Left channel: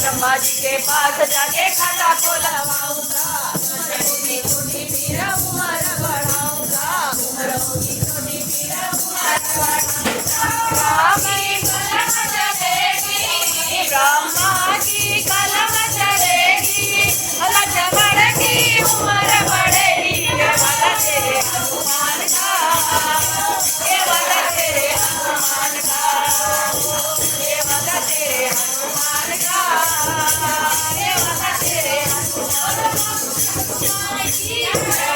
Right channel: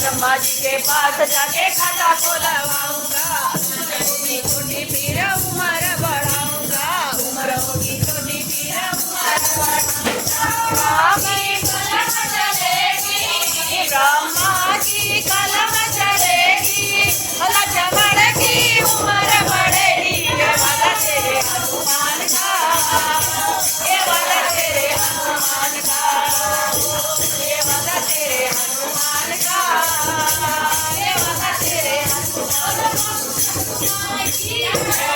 ब्रह्मा जी के पास जाके खाता खुलवाऊंगा, छोटी पीर उम्र बढ़ाऊंगा, उम्र होगी छोटी पीर ब्रह्मा जी कलम चलेगी, बढ़ेगी उम्र बढ़ेगी, तेरे हनुमान का, ये वाला तेरे हनुमान का, ये वाला तेरे हनुमान का, ये वाला तेरे हनुमान का।